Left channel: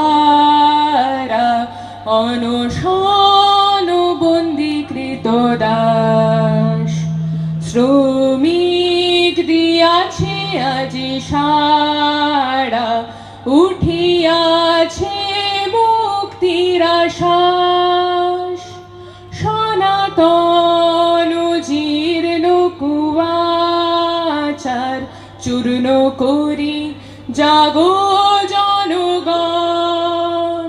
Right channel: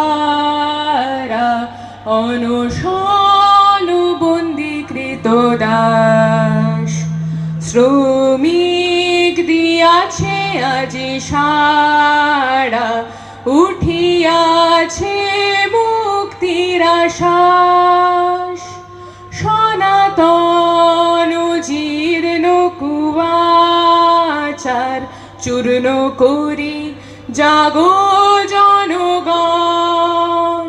সর্বহারা অনশনবন্দীকৃত দাস শ্রমিক দিয়াছে আজি সারা উঠিয়াছে মুক্তির আশ্বাস সনাতন জীর্ণ কুয়াচার চূর্ণ করি জাগো জনগণ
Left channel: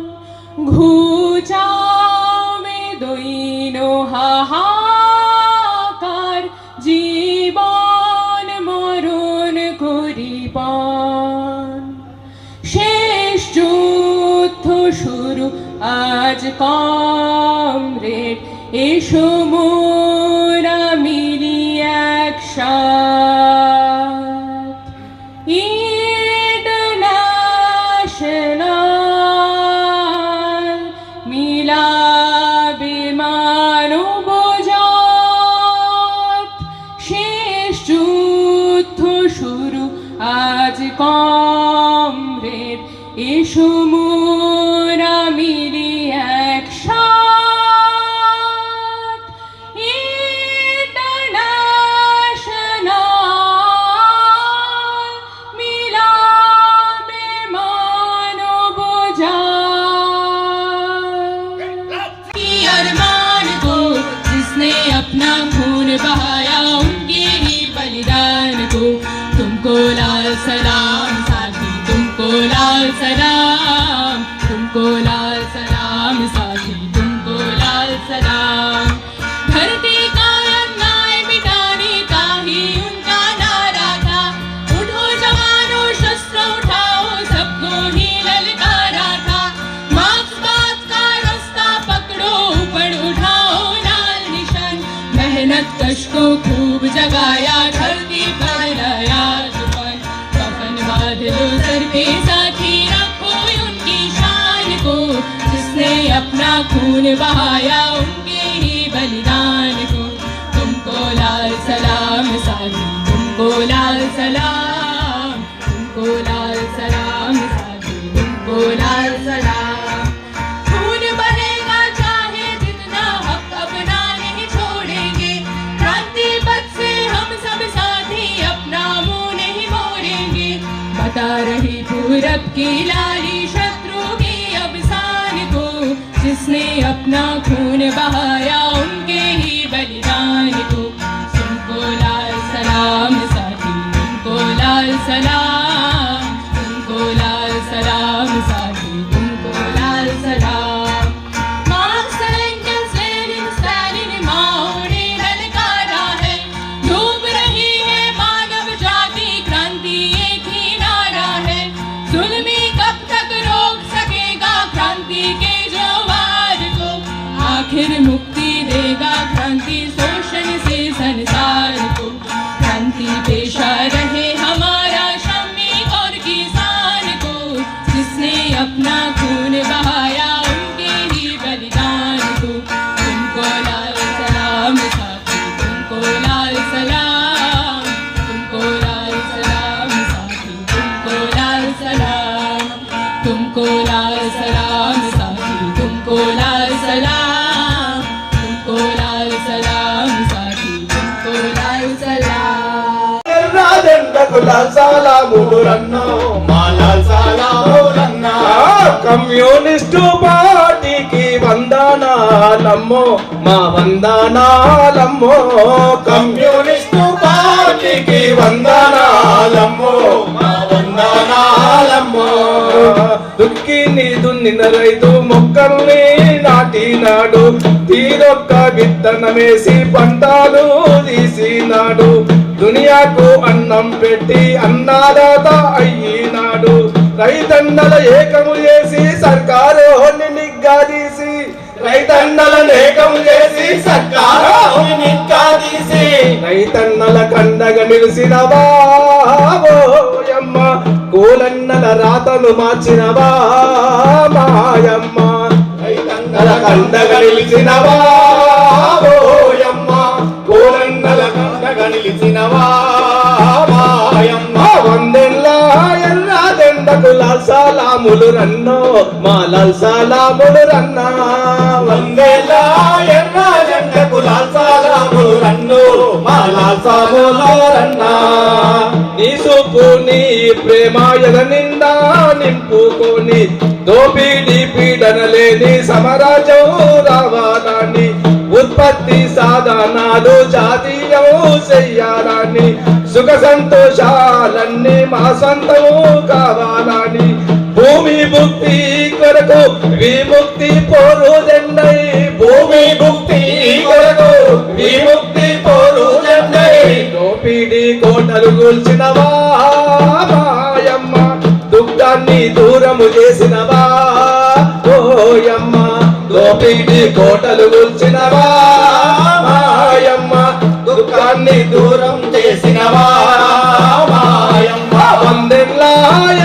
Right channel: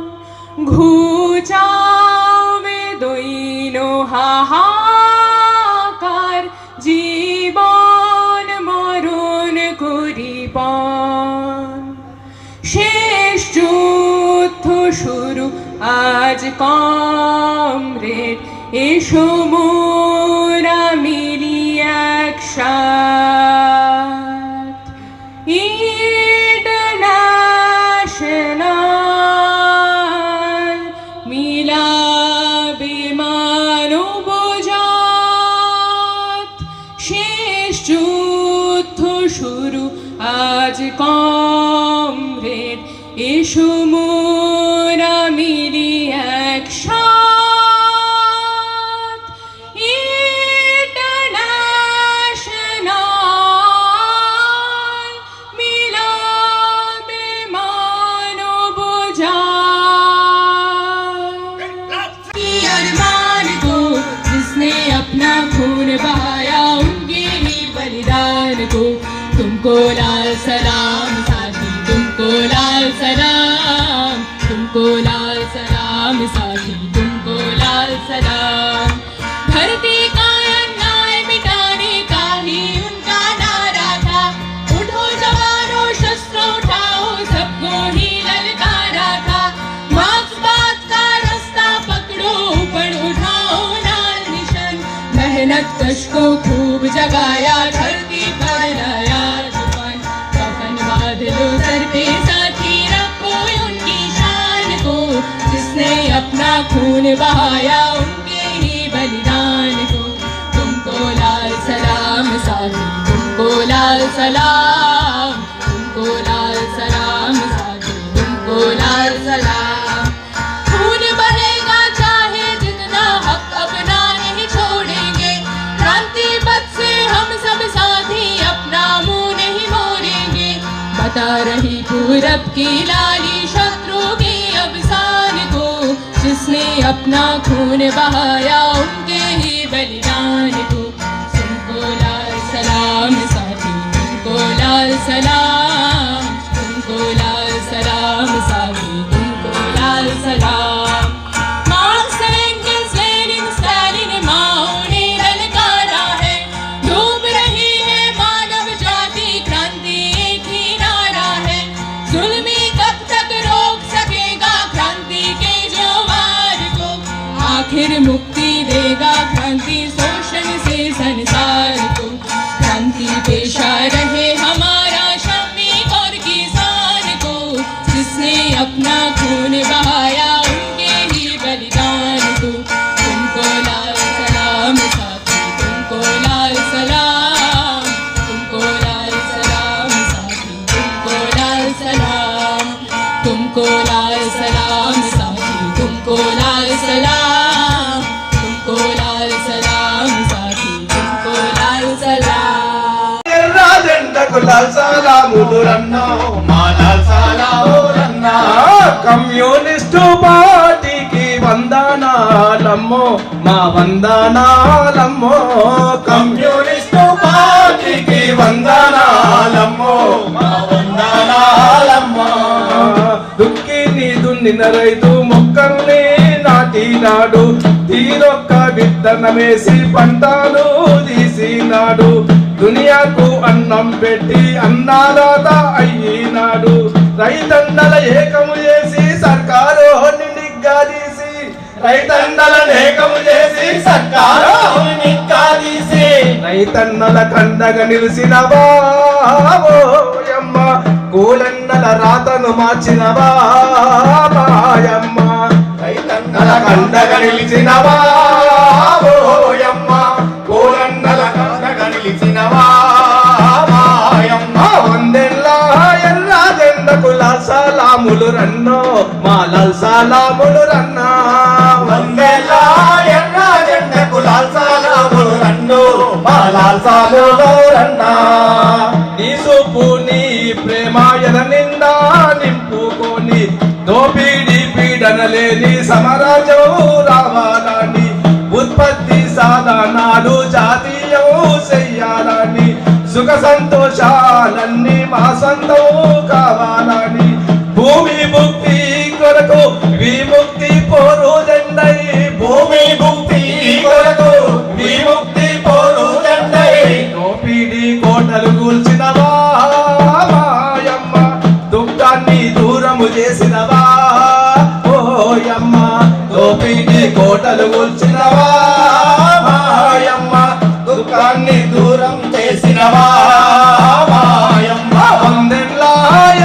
ঘুচাবে দৈন হাহাকার জীবন মরণ করিপন শেষ যুদ্ধ শুরু আজ কমরেড এসো মোরা মিলি একসাথ ইন্টারন্যাশনাল মিলাবে মানবজাত শেষ যুদ্ধ শুরু আজ কমরেড এসো মোরা মিলি একসাথ ইন্টারন্যাশনাল মিলাবে मानवजात अरमान को जिसने अपना खून बहाया उनके ही बलिदान को तुमको लाल सलाम साथी तुमको लाल सलाम तुमको लाल सलाम साथी तुमको लाल सलाम धरती का अन्याय मिटाने का ही उनका नारा था उठो जवानों शस्त्र उठाओ सबको ही ललकारा था मार्क्सवाद का जश को खूब जगाया, धरती पर लाया जुबान। कफन बांध लो सर पे साथी, रखो उनकी शान को, जिसने अपना खून बहाया उनके ही बलिदान को। तुमको लाल सलाम साथी, तुमको लाल सलाम, तुमको लाल सलाम साथी, तुमको लाल सलाम। खून बहेगा चाहे जितना, हक अपना नहीं छोड़ेंगे। क्रांति पथ से हम सब साथी अपना मुंह नहीं मोड़ेंगे। बता रही पूरब की लाली शत्रु के अवसान को, जिसने अपना खून बहाया उनके ही बलिदान को। तुमको लाल सलाम साथी, तुमको लाल सलाम, तुमको लाल सलाम साथी, तुमको लाल सलाम। मार्क्स एंगल्स लेनिन स्टालिन माओ ने ललकारा है, डूब रही है मानव जाति, क्रांति एक ही नारा है। जुल्मी कब तक रोक सकेगा क्रांति के जोवार को, आखिर मुक्ति देगा क्रांति शोषण से संसार को। क्रांति पेशा रहे हमारा श्रमिक और किसान को, जिसने अपना खून बहाया उनके ही बलिदान को। तुमको लाल सलाम साथी, तुमको लाल सलाम, तुमको लाल सलाम साथी, तुमको लाल सलाम, तुमको लाल सलाम साथी, तुमको लाल सलाम, तुमको लाल सलाम साथी, तुमको लाल सलाम। ఎర్రజెండకు లాల్సలాములు రన్నో మా లాల్సలాములన్నా, కమ్యూనిస్టు పార్టీకి వందనాలమ్మో మా వందనాలమ్మో, కమ్యూనిస్టు పార్టీకి వందనాలమ్మో మా వందనాలమ్మో. దుక్కిని దున్నిన రైతు మొక్కల్ని నాటినాడు, తీరొక్క విత్తనమేసి పంటలు తీసినాడు. దునియాకు అన్నం పెట్టి అన్నదాత అయ్యినాడు. రైతన్నల ఏకము చేసి సర్కారు నిగ్గాదీసి, రైతన్నల ఏకము చేసి సర్కారు నిగ్గాదీసి, రైతన్నల కండగా నిలిచినవా ఓయమ్మ, కూలన్నల రాతను మార్చినవా మాయమ్మ. రైతన్నల కండగా నిలిచినవా ఓయమ్మ, కూలన్నల కండగా నిలిచినవా మాయమ్మ. వందెల్ల ఎర్రజెండకు లాల్సలాములు రన్నో మా లాల్సలాములు రన్నా, వందెల్ల ఎర్రజెండకు లాల్సలాములు రన్నో మా లాల్సలాములు రన్నా. నీ సూపు నీ ప్రేమ ఎద నిండా నింపుకొని, దోపిడీ పీడన లేని సమరాజం రావాలని, ఉత్పత్తి సాధనాలు జాతీయం చెయ్యాలని, సుఖ సంతోషాలన్నీ మా సొంతం కావాలని, భూమి ముక్తి కొరకు విముక్తి పోరు జెండై, భూమి ముక్తి కొరకు విముక్తి పోరు జెండై. దోపిడీ కోటలు కూల్చినవా మాయమ్మ, దుఃఖాన్ని దూరము చేసినవా ఓయమ్మ. దోపిడీ కోటలు కూల్చినవా మాయమ్మ, దుఃఖాన్ని దూరం చేసినవా మాయమ్మ. వందెల్ల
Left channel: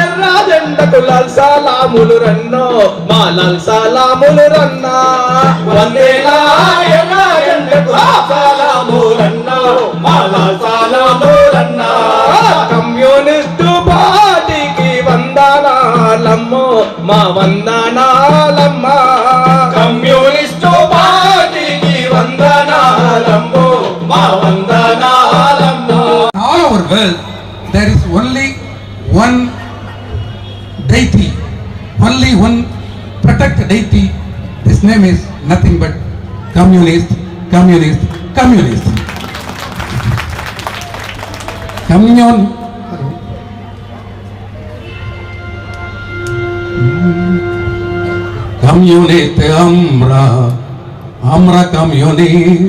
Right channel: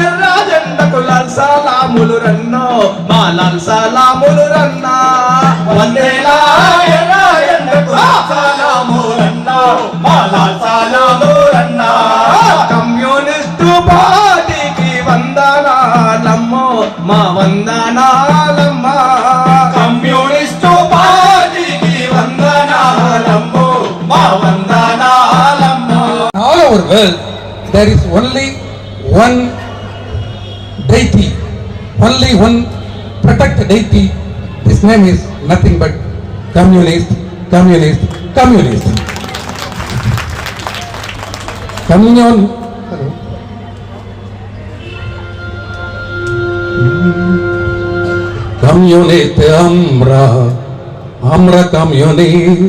ఎర్రజెండకు లాల్సలాములు రన్నో మా లాల్సలాములు రన్నా, వందెల్ల ఎర్రజెండకు లాల్సలాములు రన్నో మా లాల్సలాములు రన్నా. కమ్యూనిస్టు పార్టీకి వందనాలమ్మో మా వందనాలమ్మ, కమ్యూనిస్టు పార్టీకి వందనాలమ్మో మా వందనాలమ్మో. all our world there is only one deity, only one protect deity. His name is nothing but communist, communist, communist. Communist আমরা communist,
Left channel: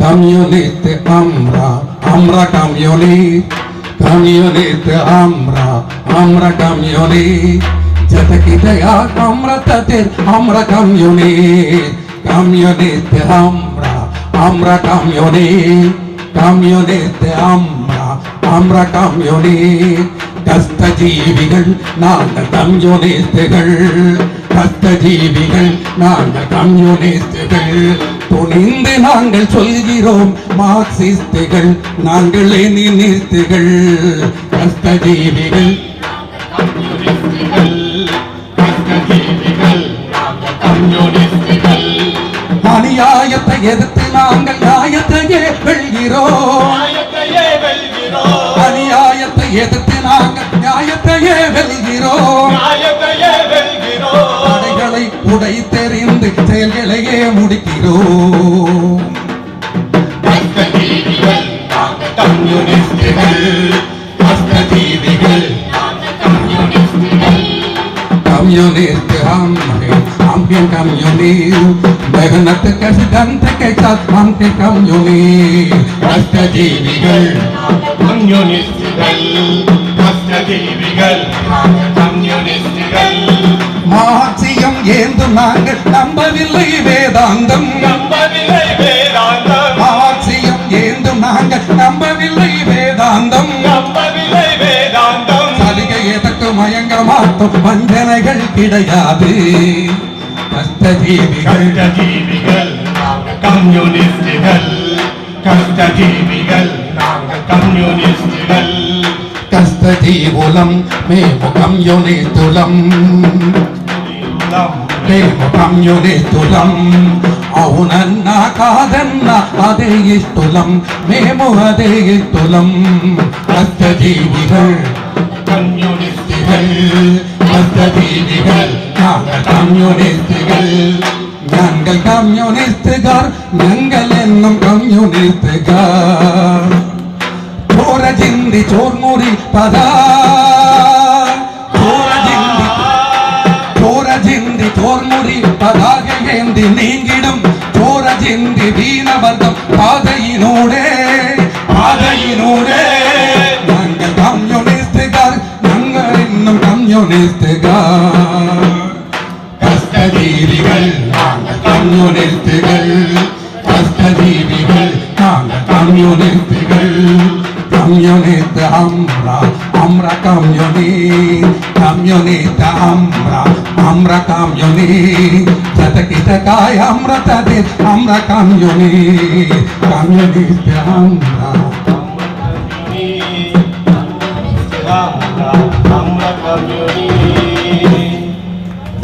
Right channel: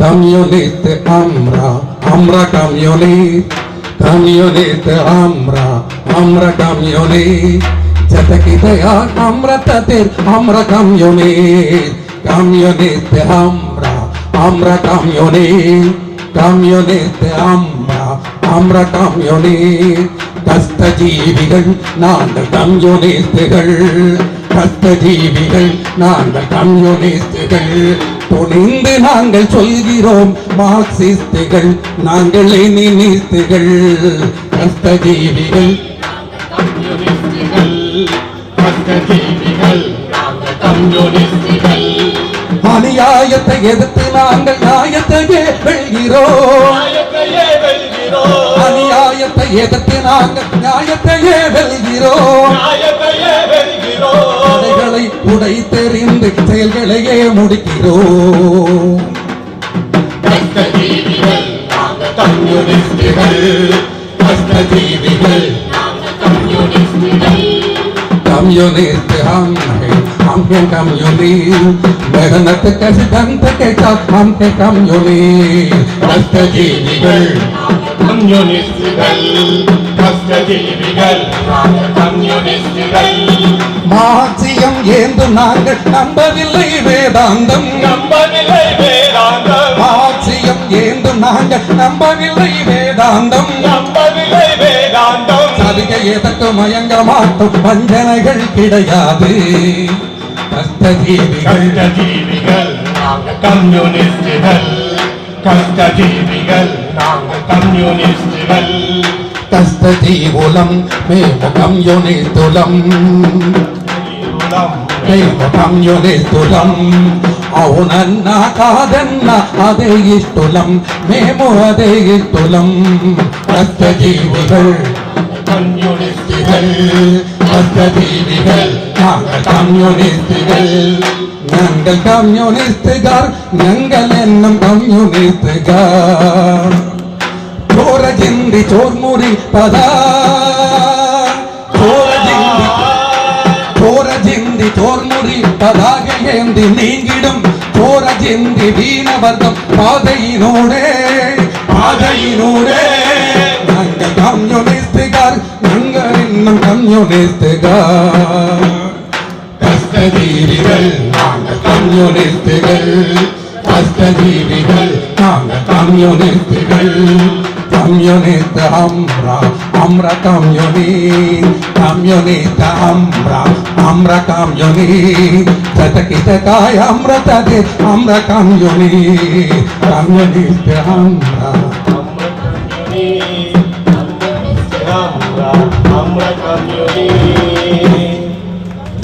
communist আমরা communist, communist আমরা communist. जतकी दया আমরা তাদের আমরা communist, communist Amra communist Amra communist கஷ்டஜீவிகள் நாங்கள் கம்யூனிஸ்டுகள் கஷ்டஜீவிகள் நாங்கள் கம்யூனிஸ்டுகள் துணிந்து நாங்கள் சொல்கிறோம் மார்க்சிஸ்டுகள் நாங்கள் லெனினிஸ்டுகள் கஷ்டஜீவிகள் அநியாயத்தை எதிர்த்து நாங்கள் நியாயத்தையே வெல்கிறோம் அநியாயத்தை எதிர்த்து நாங்கள் நியாயத்தையே வெல்கிறோம் அதைகளை உடை தெரிந்து செயல்களையே முடிக்கிறோம் கஷ்டஜீவிகள் कम्युनिस्ट हम हैं कम्युनिस्ट मेहनत के सिद्धांत के साथ हम हैं कम्युनिस्ट कष्टजीविகள் மார்க்சியம் ஏந்தும் நாங்கள் நம்பவில்லை வேதாந்தம் மார்க்சியம் ஏந்தும் நாங்கள் நம்பவில்லை வேதாந்தம் எதற்கு மயங்க மாட்டோம் வஞ்சனைகள் கிடையாது கஷ்டஜீவிகள் కష్టజీవులం మేము కమ్యూనిస్టులం అవునన్నా కాదన్నా అదే ఇష్టం మేము అదే ఇష్టం కష్టజీవిகள் ഞങ്ങൾ കമ്മ്യൂണിസ്റ്റുകാർ ഞങ്ങൾ എന്നും കമ്മ്യൂണിസ്റ്റുകാർ ചോര ചിന്തി ചോർമുറി പതാ ചോര ചിന്തി ചോർമുറി പതാകയേന്തി നീങ്ങിടും ചോര ചിന്തി വീണവർഗം പാതയിനൂടെ ഞങ്ങൾ കമ്മ്യൂണിസ്റ്റുകാർ ഞങ്ങൾ ഇന്നും കമ്മ്യൂണിസ്റ്റുകാർ കഷ്ടജീവികൾ കമ്മ്യൂണിസ്റ്റുകൾ കഷ്ടജീവികൾ കമ്മ്യൂണിസ്റ്റുകൾ കമ്മ്യൂണിസ്റ്റ് അമ്ര കമ്മ്യൂണിസ്റ്റ് അമ്ര കമ്മ്യൂണിസ്റ്റ് ശതകിതകായ അമൃതേ അമ്ര കമ്മ്യൂണിസ്റ്റ്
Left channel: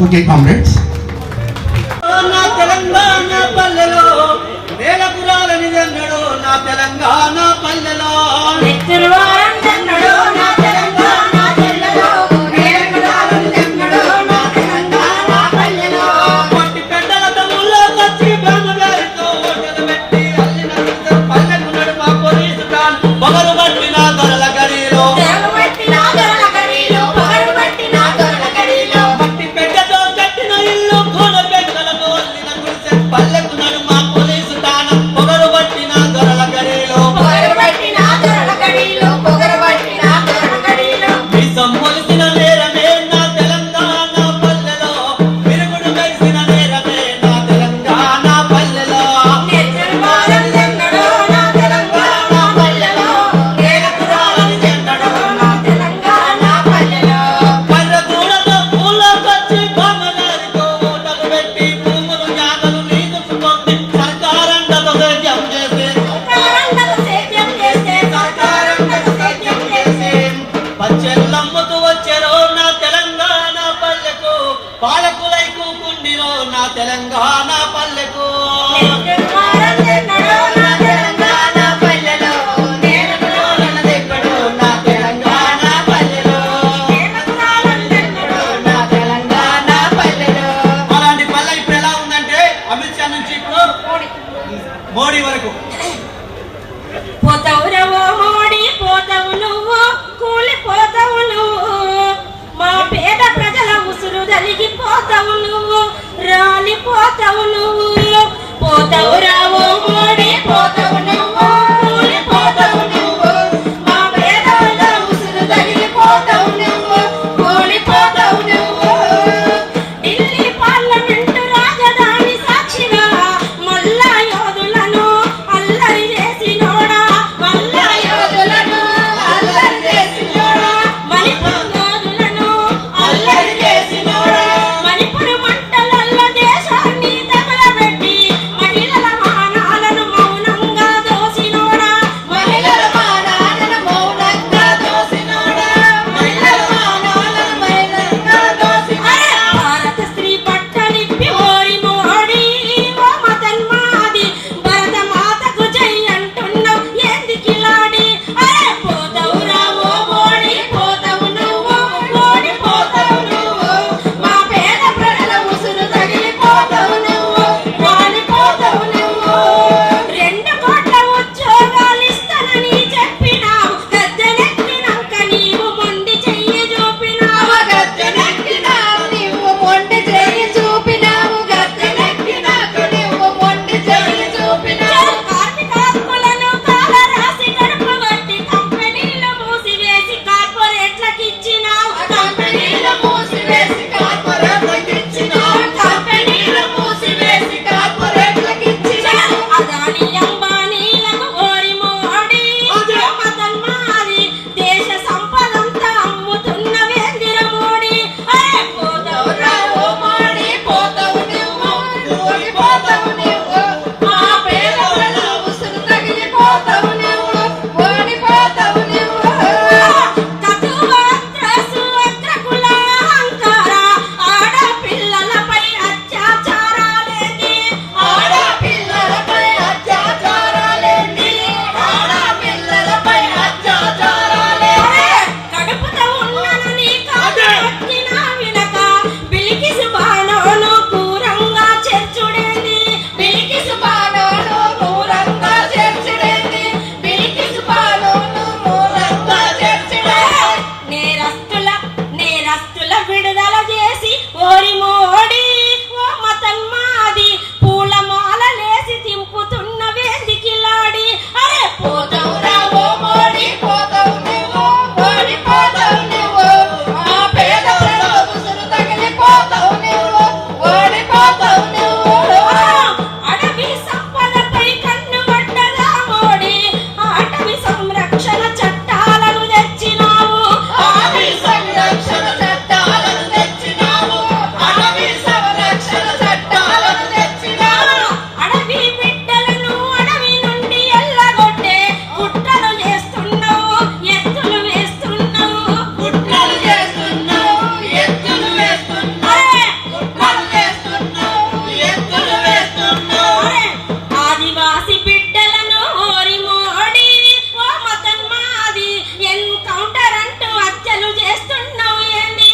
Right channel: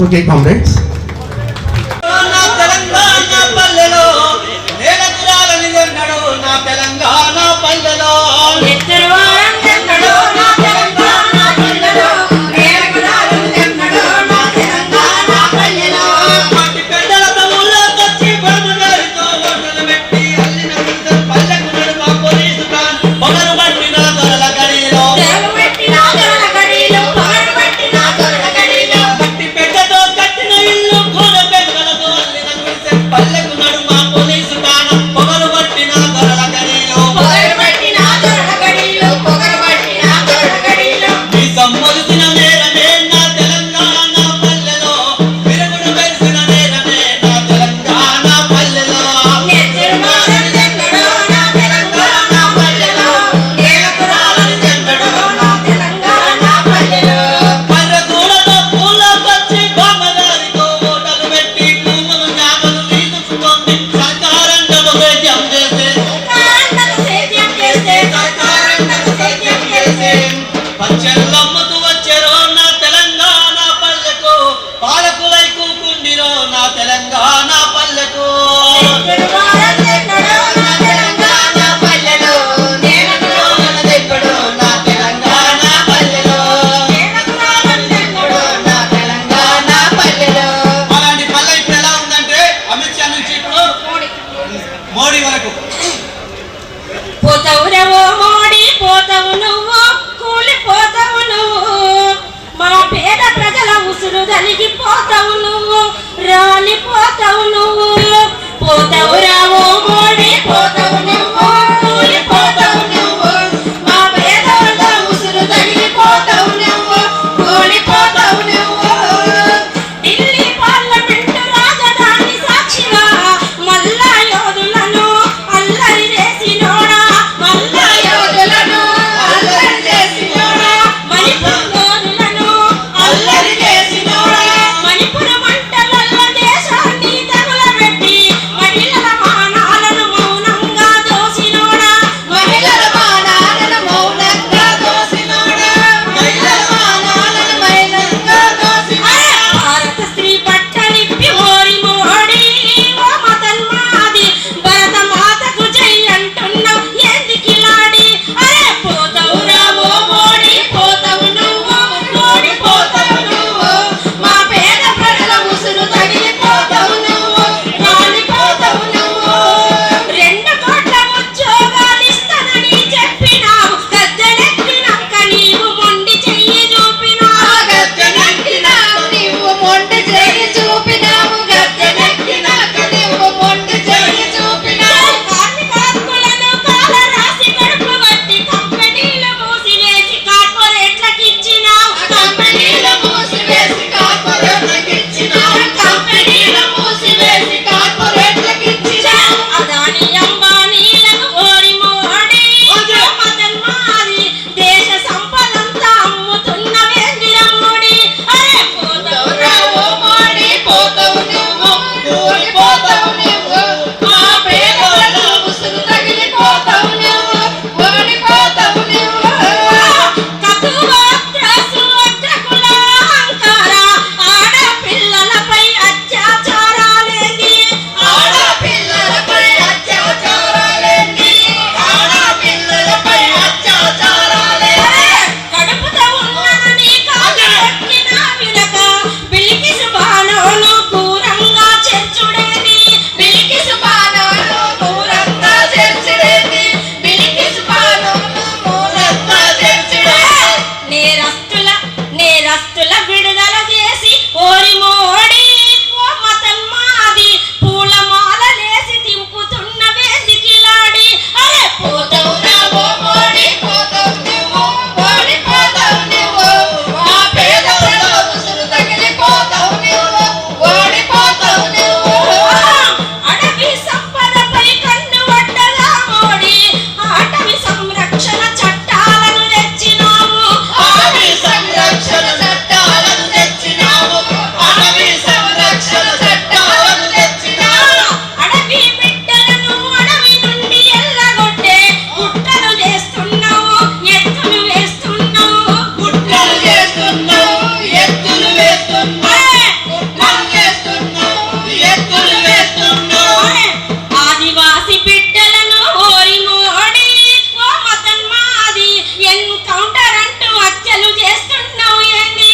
Okay, comrades. నా తెలంగాణ పల్లెలో నేలపురాలని జన్నడు నా తెలంగాణ పల్లెలో మిత్రువారం జన్నడు నా తెలంగాణ పల్లెలో నేలపురారం జన్నడు నా తెలంగాణ పల్లెలో మాటి పెద్దల తమ్ముళ్ళ కచ్చి బామగారితో ఓటలు పెట్టి అల్లిన ఇద్దరు పల్లెకు నడుమ పోలీసు కాన్ పొగరు పట్టిన దొరల గడిలో మట్టి పెద్దతో కట్టిన ఇల్లు కోన పెద్దలతో అల్లిన గుడిసె పల్లెకు నడుమ పోలీసు కాన్ పొగరు పట్టిన దొరల గడిలో మీ సమ్మొలిసిన నేరమే నా తెలంగాణ పల్లెలో వెలుగుడు మెరిసిన నేరమే నా తెలంగాణ పల్లెలో మిత్రువారం జన్నడు నా తెలంగాణ పల్లెలో నేలపురారం జన్నడు నా తెలంగాణ పల్లెలో కర్రకూడతో పూల పచ్చి బామ్మగారితో ఓటలు పెట్టి భూములు జ్ఞాపలు తీసుకొని సర్కారంటలు సేద్యం చేసే పచ్చెల్లమ్మతు వచ్చెరో నా తెలంగాణ పల్లెకు పాలకులై కూకుండిరో నా తెలంగాణ పల్లెకు మిత్రువారం జన్నడు నా తెలంగాణ పల్లెలో నేలపురారం జన్నడు నా తెలంగాణ పల్లెలో నేలపురారం జన్నడు నా తెలంగాణ పల్లెలో అలాంటి పల్లె ఇప్పుడు ఎలా ఉందంటే అమిత్ షా నుంచి ఇప్పుడు మోడీ వరకు పోతవురవో మోడి పోతవు నువ్వు కూలిపోతావు నువ్వు మా పేద ప్రజల ఉసురు తలిగిపోతావు నువ్వు రాలిపోతావు నువ్వు పోతవు రావో మోడి పోతవు నువ్వు కూలిపోతావు నువ్వు మా పేదల ఉసురు తలిగిపోతావు నువ్వు కూలిపోతావు నువ్వు ఢిల్లీ పార్లమెంటు రాజధాని సాక్షిగా మల్లా యోధులను ఓడిపోతావు నువ్వు ఓడిపోతావు నువ్వు మా పేదల ఉసురు తగిలిపోతావు నువ్వు ఓడిపోతావు నువ్వు కతువ త్రాసు అగ్రకుల అహంకార ఆడపిల్లలపై అత్యాచారాలేంది ఆడపిల్లలపై అత్యాచారాలేంది ఆడపిల్లలపై అత్యాచారాలేంది కడుపుతో ఉన్నదని కాదు కొట్టినా వినక బిలికిసు బాణోను క్రూరంగా చేర్చుడేది బిలికిసు బాణోను క్రూరంగా చేర్చుడేది బిలికిసు బాణోను క్రూరంగా చేర్చుడేది నేరస్తుల విడుదల చేసి ఓరి మోడి ఓ మతన్మాది పూలమాలలేసి తింపుతున్న వేదికిలాడి అరే పోతావురా ఓ మోడి పోతావు నువ్వు ఓడిపోతావు నువ్వు మా పేదల ఉసురు తగిలిపోతావు నువ్వు ఓడిపోతావు నువ్వు అడవి సంపదపై కన్ను పడ్డదా మోడి అటవీ సంరక్షణ చట్టాలను తెచ్చినావు అటవీ సంరక్షణ చట్టాలను తెచ్చినావు అటవీ సంరక్షణ చట్టాలను తెచ్చినావు అడవి బిడ్డలను అడవి నుండి ఎల్లగొట్టే కుట్రలు చేస్తున్నావు ఎత్తులు వేస్తున్నావు కుట్రలు చేస్తున్నావు ఎత్తులు వేస్తున్నావు కుట్రలు చేస్తున్నావు ఎత్తులు వేస్తున్నావు ఆదివాసి బిడ్డలను ఓరి మోడి ఓ మతన్మాది ఎన్కౌంటర్ అంటూ హత్యలు చేస్తున్నావు ఏంది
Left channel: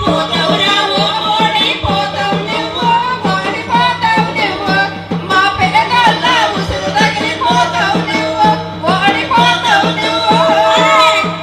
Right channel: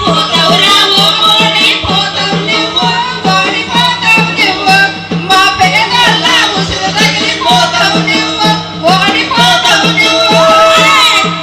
పోతావురా ఓ మోడి పోతావు నువ్వు ఓడిపోతావు నువ్వు మా పేదల ఉసురు తగిలిపోతావు నువ్వు ఓడిపోతావు నువ్వు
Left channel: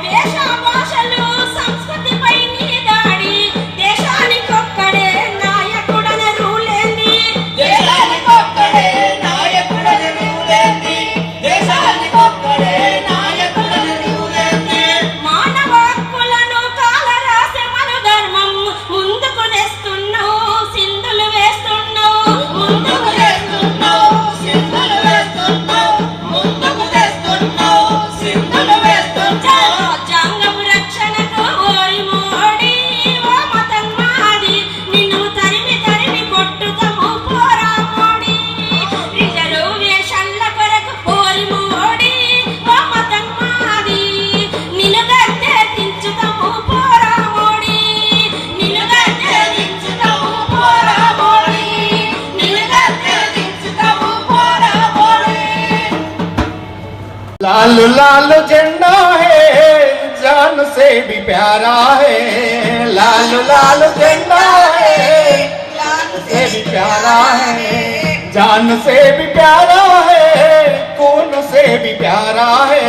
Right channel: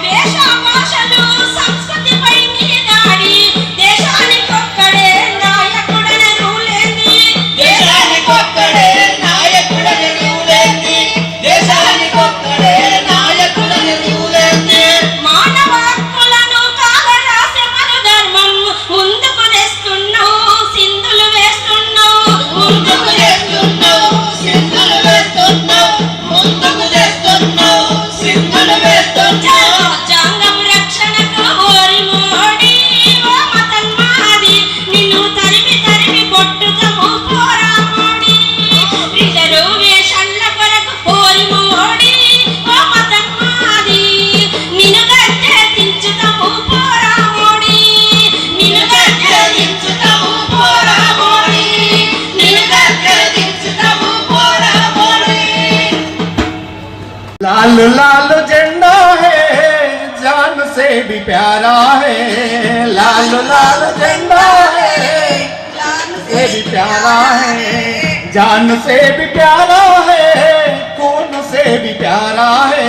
దేశ భాషలు సంస్కృతిపై నీ దాడి దేశానికొక్కడే నాయకుడని రూలేంది దేశానికొక్కడే నాయకుడని రూలేంది దేశానికొక్కడే నాయకుడని రూలేంది మానవ హక్కులను కాలరాసే మన ధర్మం ముందుకు తెస్తున్నావు సింధులు వేస్తున్నావు ముందుకు తెస్తున్నావు సింధులు వేస్తున్నావు ముందుకు తెస్తున్నావు సింధులు వేస్తున్నావు రాజ్యాంగం రక్షణకు ఓరి మోడి ఓ మతన్మాది నిన్ను తరిమి తరిమి కొట్టుతాము పోరా మోడి రిజర్వేషన్ల కొరకు ఓరి మోడి ఓ మతన్మాది నిన్ను గద్దె దించుతాము పోరా మోడి నిన్ను గద్దె దించుతాము పోరా మోడి నిన్ను గద్దె దించుతాము పోరా మోడి लाल लाल झंडा है जान से भी प्यारा है लाल लाल झंडा है जान से भी प्यारा है जान से भी प्यारा है खून से भी प्यारा है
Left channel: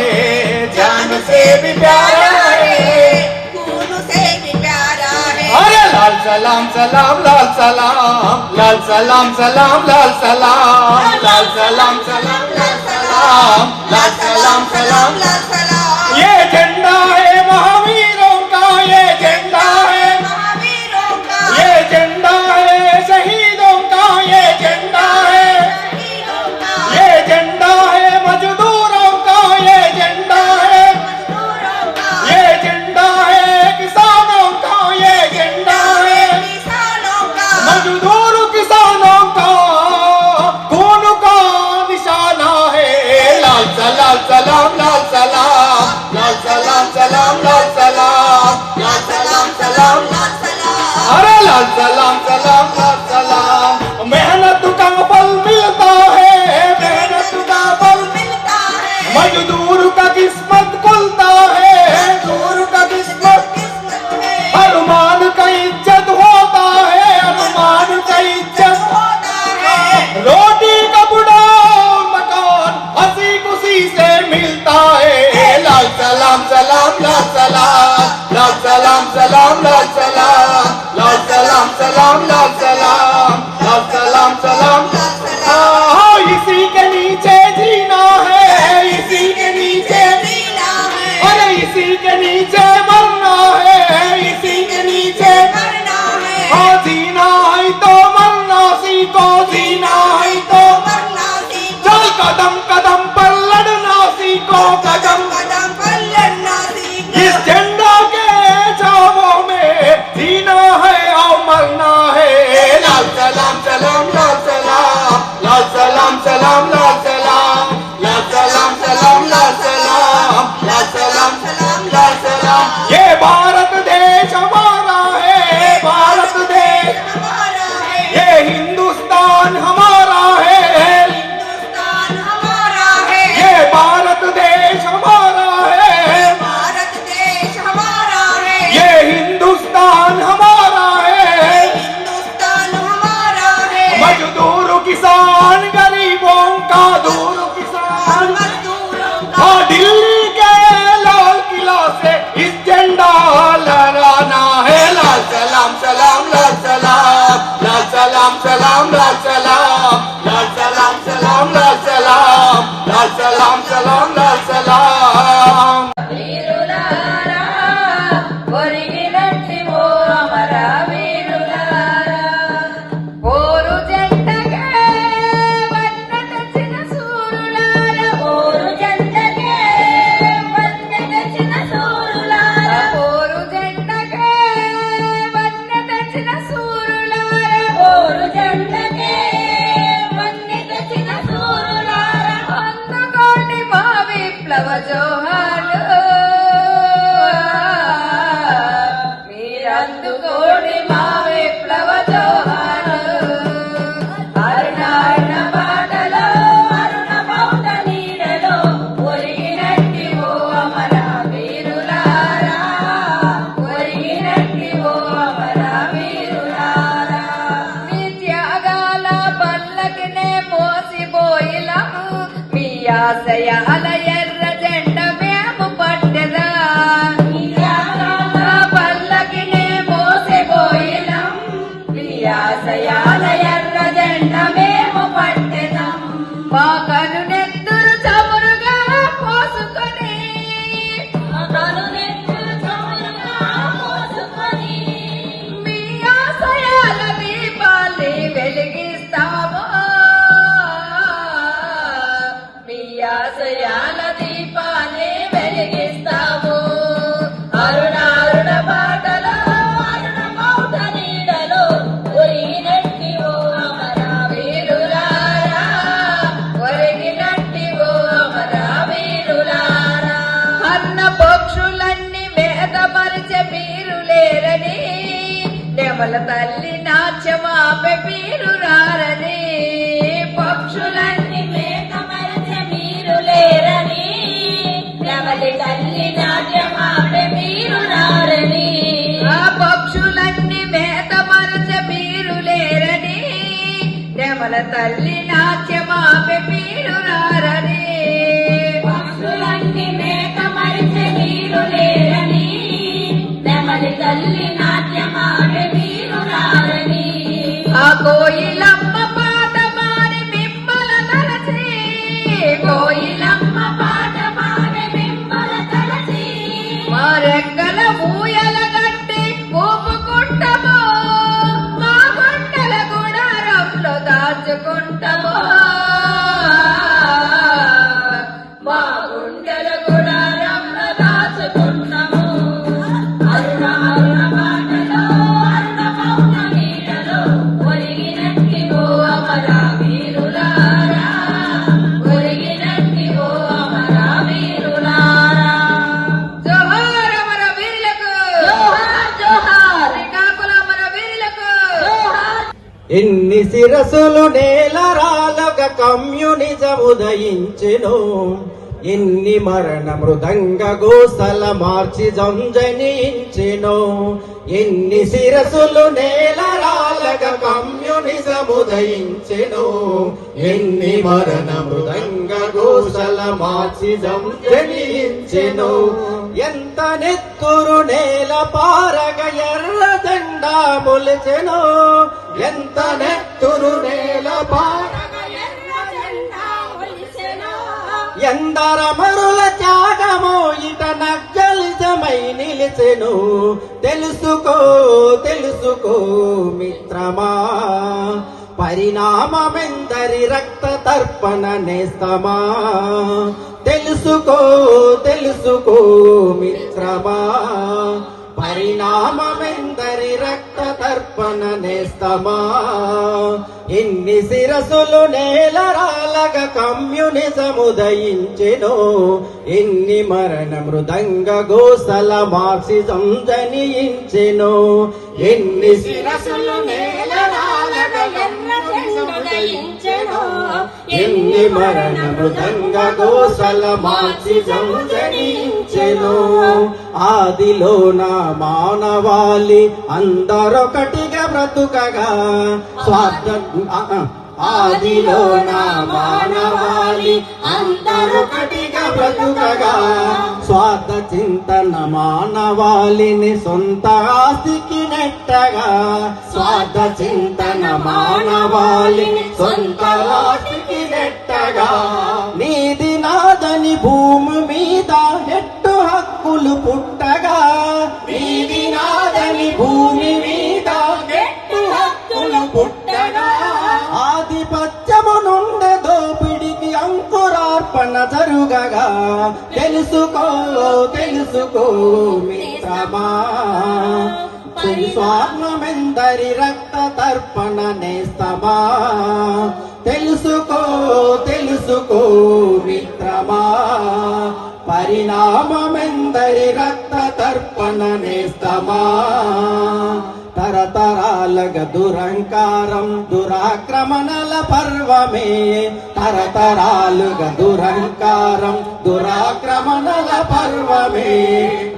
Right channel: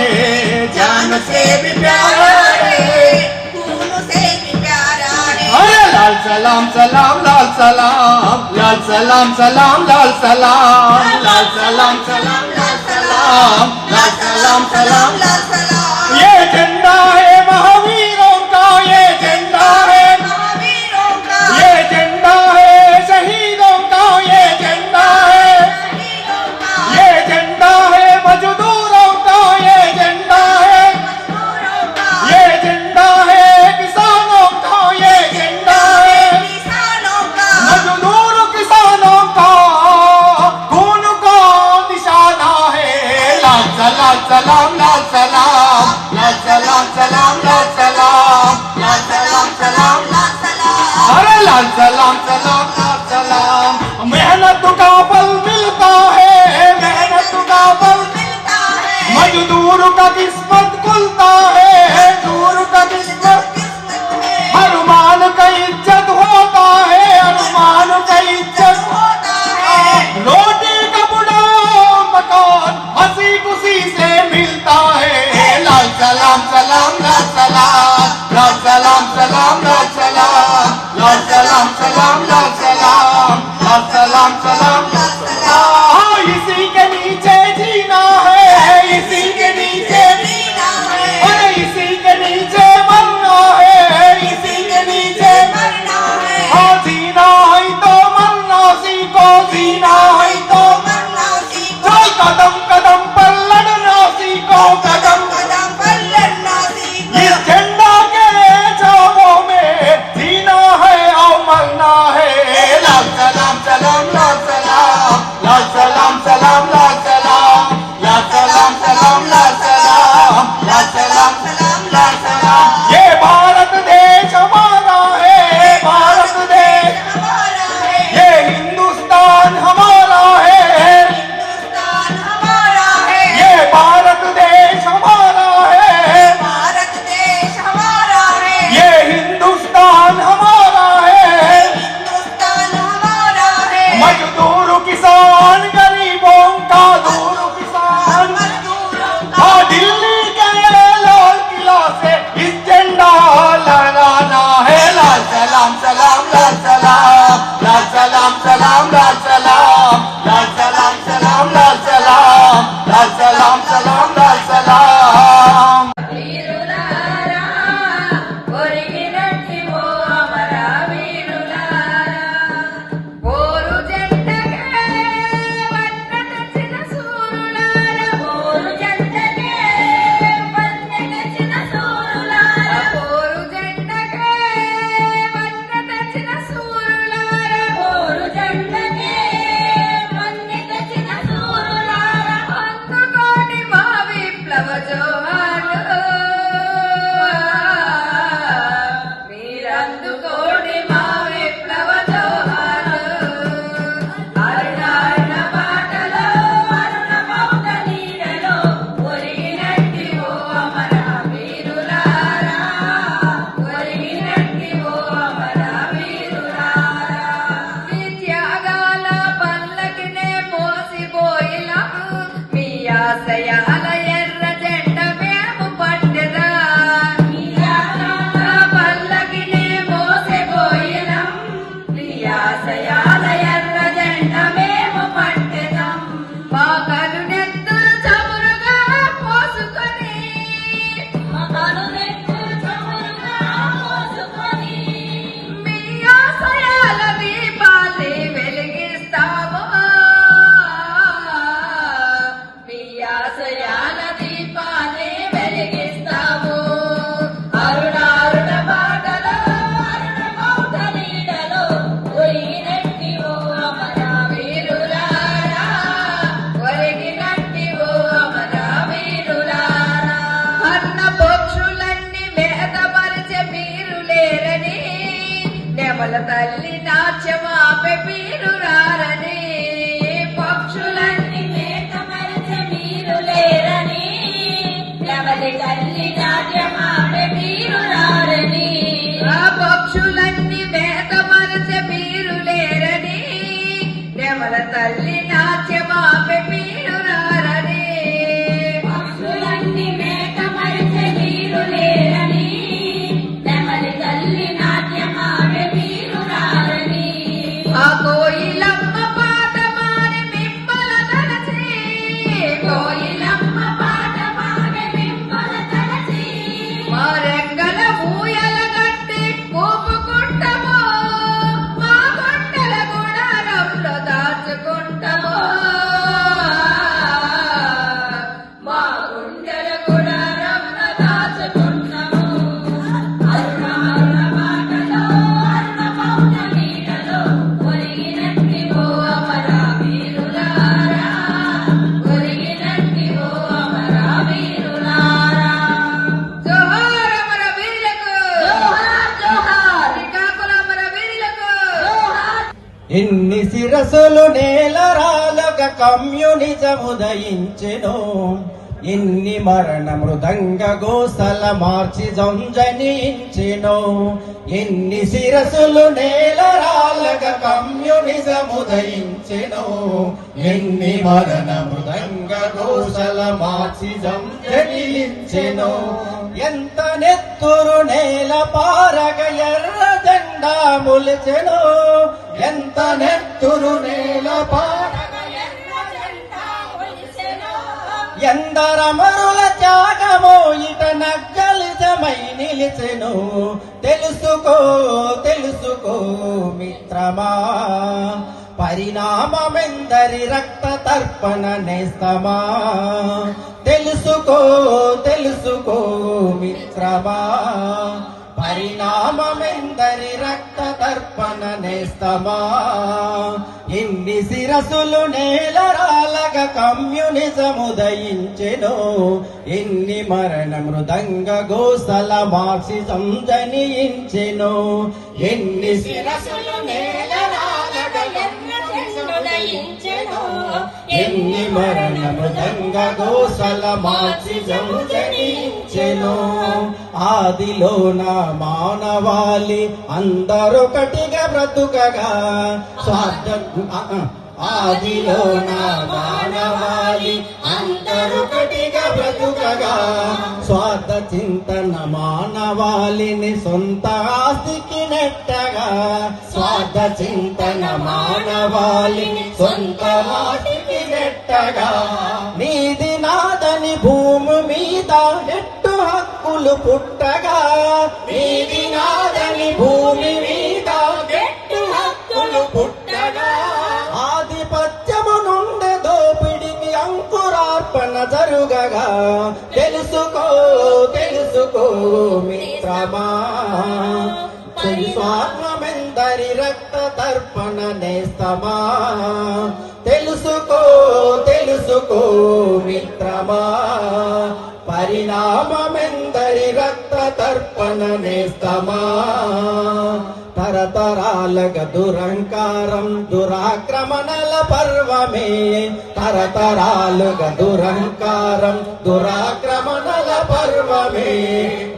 जान से भी प्यारा है खून से भी प्यारा है अरे लाल सलाम सलाम लाल सलाम लाल सलाम सलाम लाल सलाम लाल सलाम सलाम लाल सलाम लाल सलाम सलाम लाल सलाम ये झंडा है महावीरों का ये झंडा है महावीरों का ये झंडा है शहीदों का ये झंडा है वीरों का ये झंडा है मजदूरों का ये झंडा है मजदूरों का ये झंडा है किसानों का ये झंडा है किसानों का मजदूर किसानों का हिंदुस्तान हमारा है, हिंदुस्तान हमारा है, ये भारत देश हमारा है, भारत देश हमारा है, ये हिंदुस्तान हमारा है। हिंदुस्तान हमारा है, मजदूर किसान गरीबों का दूर किसान, मजदूरों का हाँ दिल्ली के लाल किला से इस झंडा लहराना है। लाल सलाम सलाम लाल सलाम, लाल सलाम सलाम लाल सलाम, लाल सलाम सलाम लाल सलाम, लाल सलाम सलाम लाल सलाम। వీరులారా ఒరిగినట్టి ఓ అమర వీరులారా పోరు జెండకే వన్నె తెచ్చిన సూరులారా పోరు జెండకే వన్నె తెచ్చిన సూరులారా పోరు జెండకే వన్నె తెచ్చిన సూరులారా పోరు జెండకే వన్నె తెచ్చిన సూరులారా అందుకోండి మా విప్లవ జోహార్లు మీరందుకోండి మా విప్లవ జోహార్లు అరుణారుణ బాటలో అరుణ మౌట నీడలో ఒరిగినట్టి ఓ అమర వీరులారా ఒరిగినట్టి ఓ అమర వీరులారా మీ త్యాగాల పల్లకినే మోసిపోయిలాము మీ ఆశయాల ఎర్ర జెండ మేము పట్టెదా మీ త్యాగాల పల్లకినే మోసిపోయిలాం మీ ఆశయాల ఎర్ర జెండ మేము పట్టెదాం మా కనునెత్తురు చమురుగా పోసుకొని మా కనునెత్తురు చమురుగా పోసుకొని మీ ఆశయాల దీపాల్ని వెలిగిస్తాము మీ ఆశయాల దీపాల్ని వెలిగిస్తాము అరుణారుణ బాటలో అరుణ మౌట నీడలో ఒరిగినట్టి ఓ అమర వీరులారా ఒరిగినట్టి ఓ అమర వీరులారా అన్న పక్షులన్నీ వేదమరిచే వీరులేరని నెమల తల్లి నాట్యమాపే వీరురారని పక్షులన్నీ వేదమరిచే వీరులేరని నెమలి తల్లి నాట్యమాపే వీరురారని ఆ పక్షులన్నీ వేదమరిచే వీరులేరని నెమల తల్లి నాట్యమాపే వీరురారని పక్షులన్నీ వేదమరిచే వీరులేరని నెమలి తల్లి నాట్యమాపే వీరురారని ఆ కోయిలమ్మ పాట మారి మిమ్మల తలచి కోయిలమ్మ పాట మారి మిమ్మల తలచి మా రెక్కల ఊయల గట్టి ఊపుకుంటాము మా గుండెల గుడారంలో దాచుకుంటాము మా గుండెల గుడారంలో దాచుకుంటాము అరుణ అరుణ బాటలో అరుణ మౌన నీడలో ఒరిగినట్టి ఓ అమర వీరులారా ఒరిగినట్టి ఓ అమర వీరులారా జోహార్ అమర వీరులకు జోహార్ జోహార్ శ్రీకాకుళం అమర వీరులకు జోహార్ ఎన్ని శిరసులు నేలరాలుగా కమ్యూనిజముదయించెను ఎన్ని మరణ మృదంగ గోసల మార్చి జంజనించెను ఎన్ని శిరసులు నేలరాలుగా కమ్యూనిజముదయించెను ఎన్ని మరణ మృదంగ గోసల మార్చి జంజనించెను ఎంత నెత్తురు నేల పారగ ఎర్ర జెండా మొలిచెను ఎంత నెత్తురు నేల పారగ ఎర్ర జెండా మొలిచెను ఎందరమరుల త్యాగమో ఇట నగ్గలితమై నిలిచెను తెలుసుకో తెలుసుకో మిత్రమా పరిణామమెందరి రక్త తర్పణ నేస్తమా తెలుసుకో తెలుసుకో మిత్రమా పరిణామమెందరి రక్త తర్పణ నేస్తమా ఇన్ని శిరసులు నేలరాలగా కమ్యూనిజముదయించెను ఇన్ని మరణ మృదంగ గోసల మార్క్సిజం జనించెను ఇన్ని శిరసులు నేలరాలగా కమ్యూనిజముదయించెను మరణ మృదంగ గోసల మార్చిజం జనించెను. ఆదిలోన మానవాళి అందరొకటిగా బ్రతుకగా స్వార్థ ఆదిలోన మానవాళి అందరొకటిగా బ్రతుకగా స్వార్థ చింతన మానవాళిని సొంత ఆస్తికి నెట్టగా స్వార్థ చింతన మానవాళిని సొంత ఆస్తికి నెట్టగా నీది నాదని భూమి మీద నెట్టు హక్కులు పుట్టగా నీది నాదని భూమి మీద నెట్టు హక్కులు పుట్టగా ఆధిపత్యము నుండి దోపిడికి అంకురార్పణ జరుగగా తెలుసుకో తెలుసుకో మిత్రమా స్వార్థమెందరి రక్త తర్పణ నేస్తమా తెలుసుకో తెలుసుకో మిత్రమా పరిణామమెందరి రక్త తర్పణ నేస్తమా తరతరాలగా దురంకారం దురాక్రమణల పర్వమే తరతరాలుగా దురంకారం దురాక్రమణల పర్వమే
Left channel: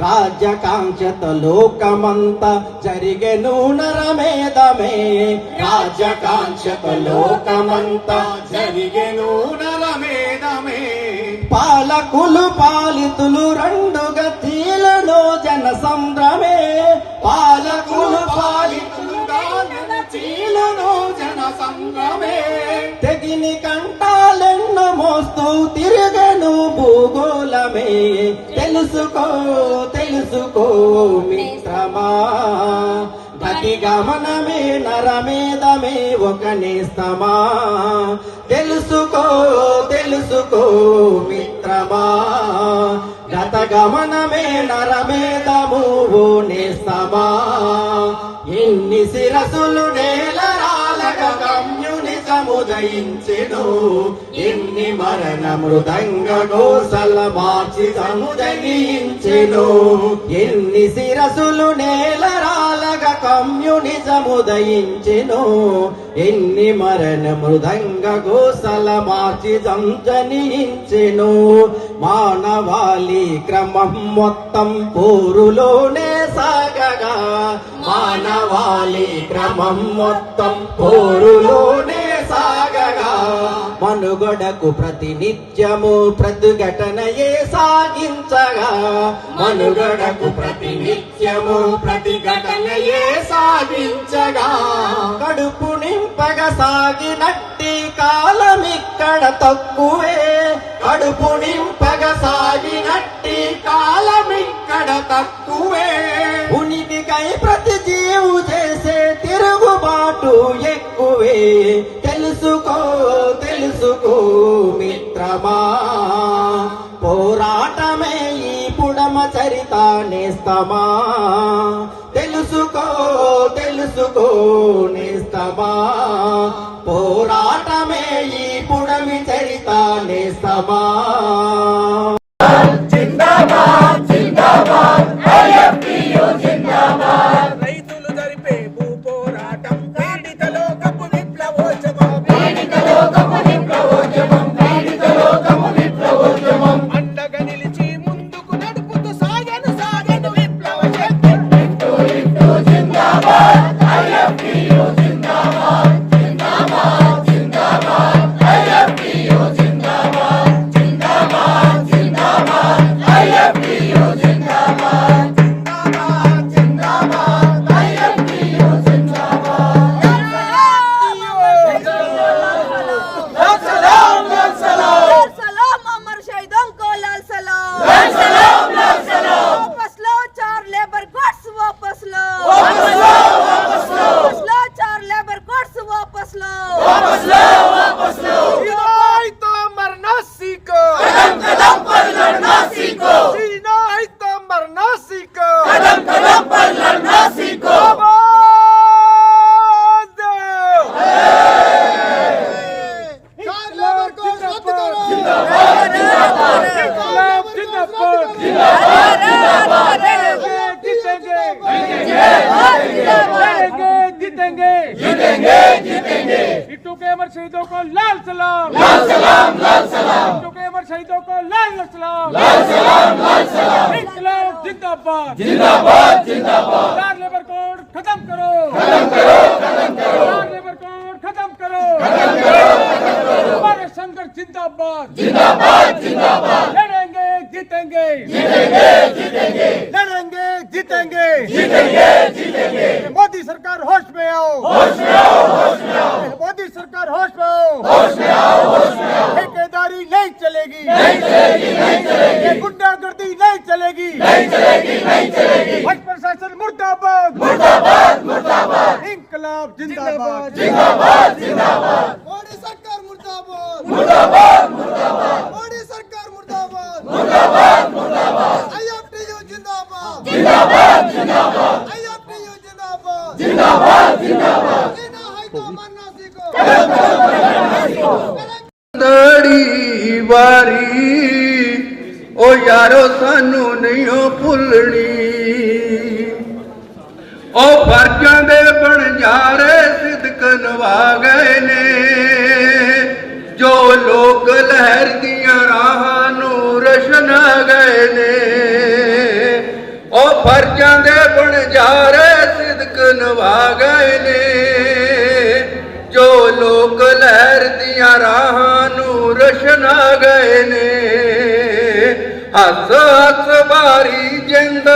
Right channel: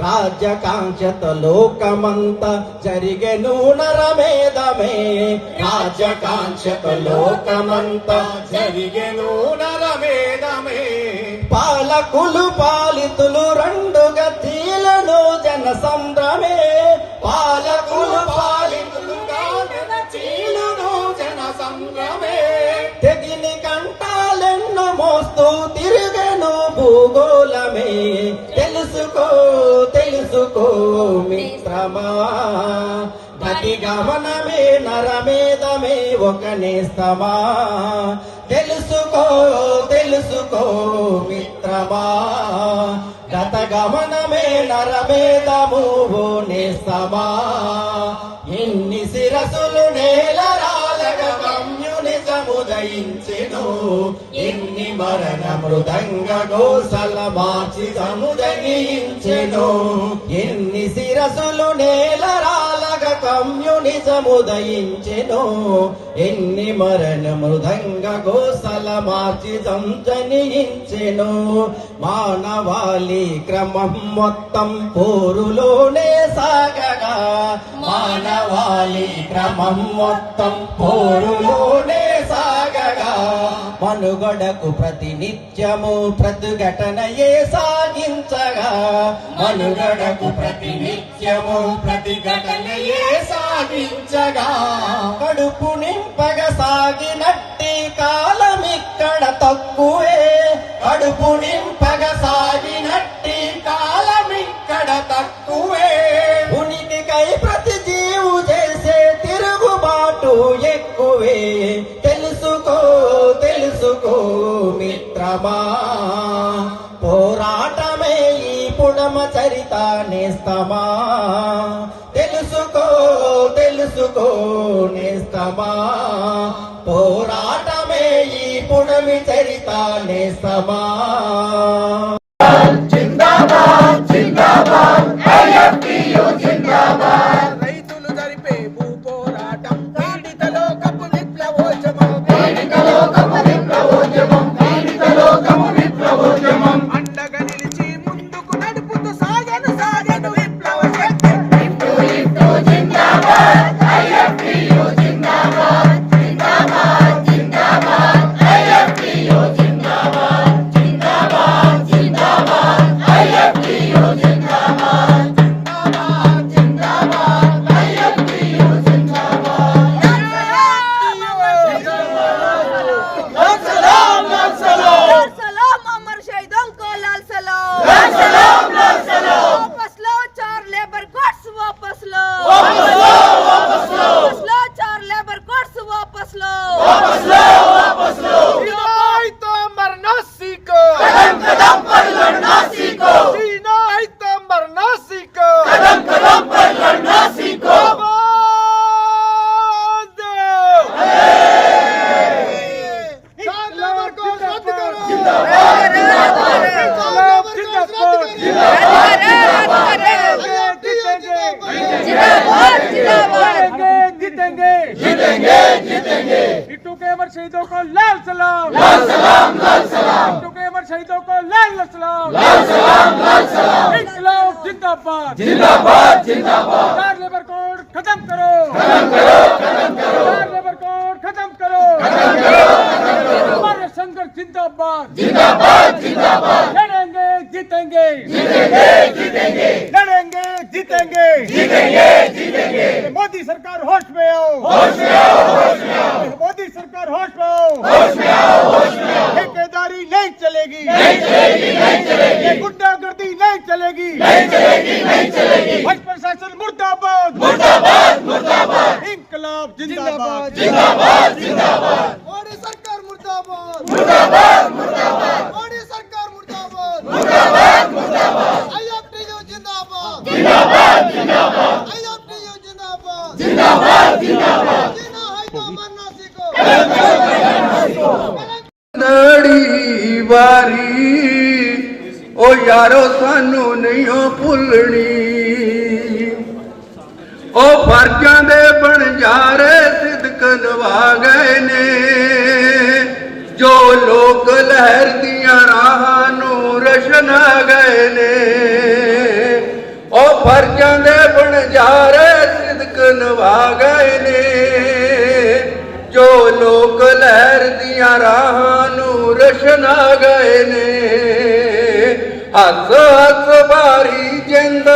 రాజ్యకాంక్షత లోకమంతా జరిగెను నరమేధమే రాజ్యకాంక్షత లోకమంతా జరిగెను నరమేధమే పాలకులు పాలితులు రెండుగా చీలను జన సంద్రమే పాలకులు పాలితులు చీలను జన సంద్రమే తెగిని కంటాలెన్నో మోస్తూ తిరుగను భూగోళమే తెలుసుకో తెలుసుకో మిత్రమా గతి గమనమే నరమేధమే ఒక నేస్తమా తెలుసుకో తెలుసుకో మిత్రమా గత గమనమే నరమేధము ఓ నేస్తమా ఎన్ని శిరసులు నేలరాలగా కమ్యూనిజము జయించెను ఎన్ని మరణ మృదంగ గోసల మార్చిజము జయించెను ఎన్ని శిరసులు నేలరాలగా కమ్యూనిజము దయించెను ఎన్ని మరణ మృదంగ గోసల మార్చిజం జనించెను మానవాళి క్రమం మొత్తం పోరులోనే సాగగా మానవాళి క్రమం మొత్తం పోరులోనే సాగగా మనుగడకు ప్రతినిత్యము ప్రతిఘటనయే సాగించగా మనుగడకు ప్రతినిత్యము ప్రతిఘటనయే సాగించగా కడుపు నింపగా సాగినట్టి కాలమిక్కడ తక్కువే కడుపు నింపగా సాగినట్టి కాలమిక్కడ తక్కువే ఉనికికై ప్రతి జీవు చేసే తిరుగుబాటు ఎక్కువే తెలుసుకో తెలుసుకో మిత్రమా పోరాటమే ఈ పుడమ చరిత నేస్తమా తెలుసుకో తెలుసుకో నేస్తమా పోరాటమే ఈ పుడమి చరిత నేస్తమా జిందాబాద్ జిందాబాద్ ఐఎఫ్టియు జిందాబాద్ రైతులు జరిపే భూ పోరాటం పీడిత లోకపు విప్లవోద్యమం పీడిత లోకపు విప్లవోద్యమం పీడిత లోకపు విప్లవోద్యమం అండగా నిలిచి ముందుకు నడుపుతూ సాగను సాగను విప్లవ శక్తి ఇటు ఇటు జిందాబాద్ ఐఎఫ్టియు జిందాబాద్ జిందాబాద్ జిందాబాద్ ఐఎఫ్టియు జిందాబాద్ జిందాబాద్ జిందాబాద్ ఐఎఫ్టియు జిందాబాద్ జిందాబాద్ జిందాబాద్ ఐఎఫ్టియు జిందాబాద్ లాల్ సలాం లాల్ సలాం सलाम अमर शहीदों को लाल सलाम लाल सलाम लाल सलाम वापस लो चार लेबर कोड्स वापस लो वापस लो वापस लो वापस लो चार लेबर कोड्स वापस लो वापस लो वापस लो जीना है तो मरना सीखो कदम कदम पर लड़ना सीखो जीना है तो मरना सीखो कदम कदम पर लड़ना सीखो जीतेंगे जीतेंगे टिट्टू के अमर शहीदों को लाल सलाम, लाल सलाम, लाल सलाम। टिट्टू के अमर शहीदों को लाल सलाम, लाल सलाम, लाल सलाम। इंकलाब जिंदाबाद, जिंदाबाद, जिंदाबाद। चार लेबर कोड खत्म करो, खत्म करो, खत्म करो। चार लेबर कोड खत्म करो, खत्म करो, खत्म करो। हमारा संघर्ष जिंदाबाद, जिंदाबाद, जिंदाबाद। लड़ेंगे जीतेंगे, जीतेंगे, जीतेंगे। लड़ेंगे जीतेंगे, जीतेंगे, जीतेंगे। मोदी सरकार होश में आओ, होश में आओ, होश में आओ। मोदी सरकार होश में आओ, होश में आओ, होश में आओ। ठेकेदारी नहीं चलेगी, नहीं चलेगी, नहीं चलेगी। गुंडागर्दी नहीं चलेगी, नहीं चलेगी, नहीं चलेगी। वंश प्रशासन मुर्दाबाद, मुर्दाबाद, मुर्दाबाद। इंकलाब जिंदाबाद, जिंदाबाद, जिंदाबाद। मोदी सरकार मुर्दाबाद, मुर्दाबाद, मुर्दाबाद। मोदी सरकार मुर्दाबाद, मुर्दाबाद, मुर्दाबाद। IFTU जिंदाबाद, जिंदाबाद, जिंदाबाद। IFTU जिंदाबाद, जिंदाबाद, जिंदाबाद। जीना है तो मरना सीखो। दड़ी वारी ओ यारो सानू नहीं हो भुलनी ओ फर्जां दे बनजारे सिदक नवा गए ने जो लोग लहर दियां राहां नू रशना गए ने ओ फर्जां दे बनजारे सिदक नवा गए ने जो लोग लहर दियां राहां नू रशना गए ने हस हस बारी जिंद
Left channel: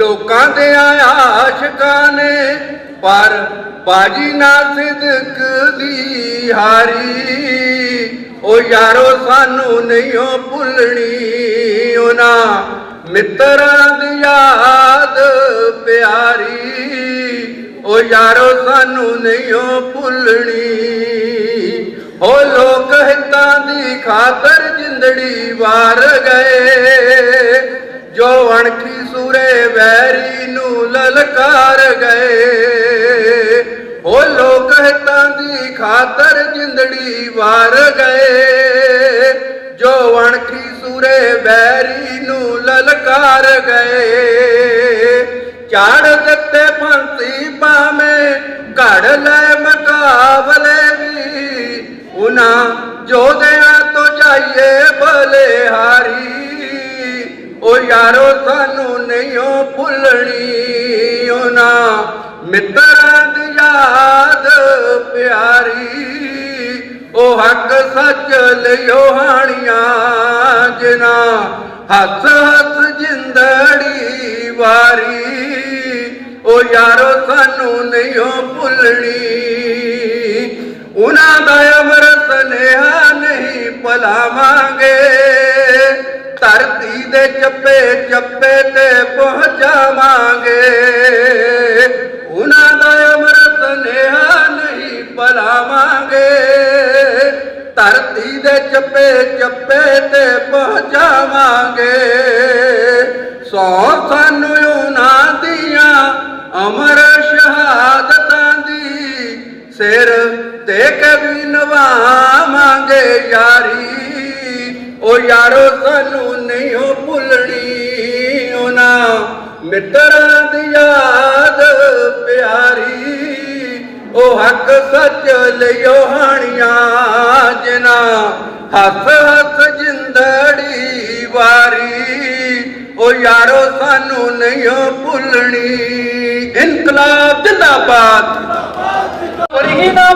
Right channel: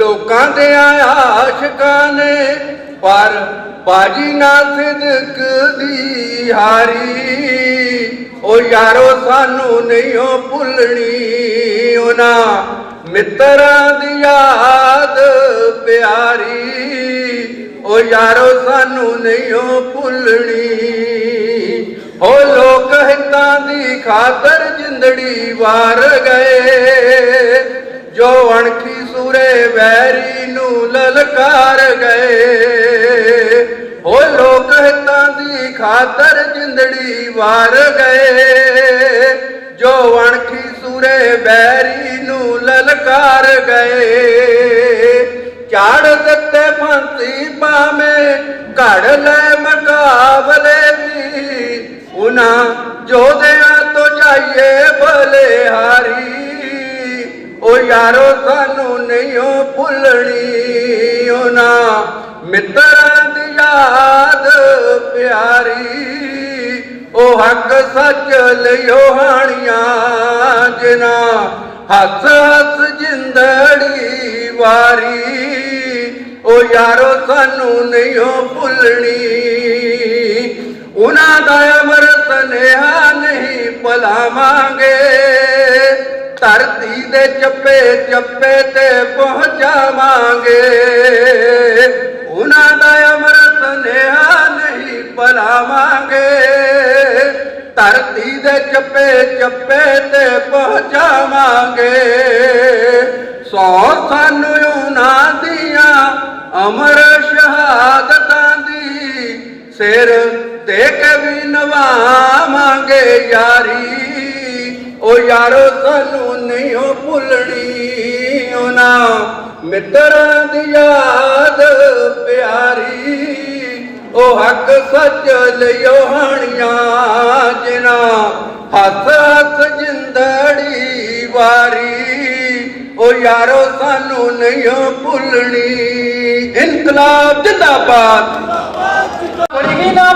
लोकां दे आशिकां ने पर बाजी ना सिदक दी हारी ओ यारो सानू नहीं हो भुलनी उन्हां मित्रां दी याद प्यारी ओ यारो सानू नहीं हो भुलनी ओ लोक हितां दी खातर जिंदड़ी वार गए जो अणखी सूरे वैरी नू ललकार गए ओ लोक हितां दी खातर जिंदड़ी वार गए जो अणखी सूरे वैरी नू ललकार गए चाड़ दत्ते फांसी पावे घड़ ले मुकाबले भी उन्हां जोधियां तो जाइए बलिहारी ओ यारो सानू नहीं हो भुलनी उन्हां मित्रां दी याद प्यारी ओ हक सच लियो हाणियां जिन्हां हस हस जिंदड़ी वारी ओ यारो सानू नहीं हो भुलनी उन्हां दा अमर सनेहा नहीं भुलावांगे धरती दे चप्पे चप्पे ते पहुंचावांगे उन्हां दा अमर सनेहा नहीं भुलावांगे धरती दे चप्पे चप्पे ते पहुंचावांगे सौ सानू उन्हां दियां अमर शहादतां दी सिर ते के भी नवावांगे यारी ओ यारो सानू नहीं हो भुलनी उन्हां मित्रां दी याद प्यारी ओ हक सच लियो हाणियां जिन्हां हस हस जिंदड़ी वारी ओ यारो सानू नहीं हो भुलनी इनकलाब जिंदाबाद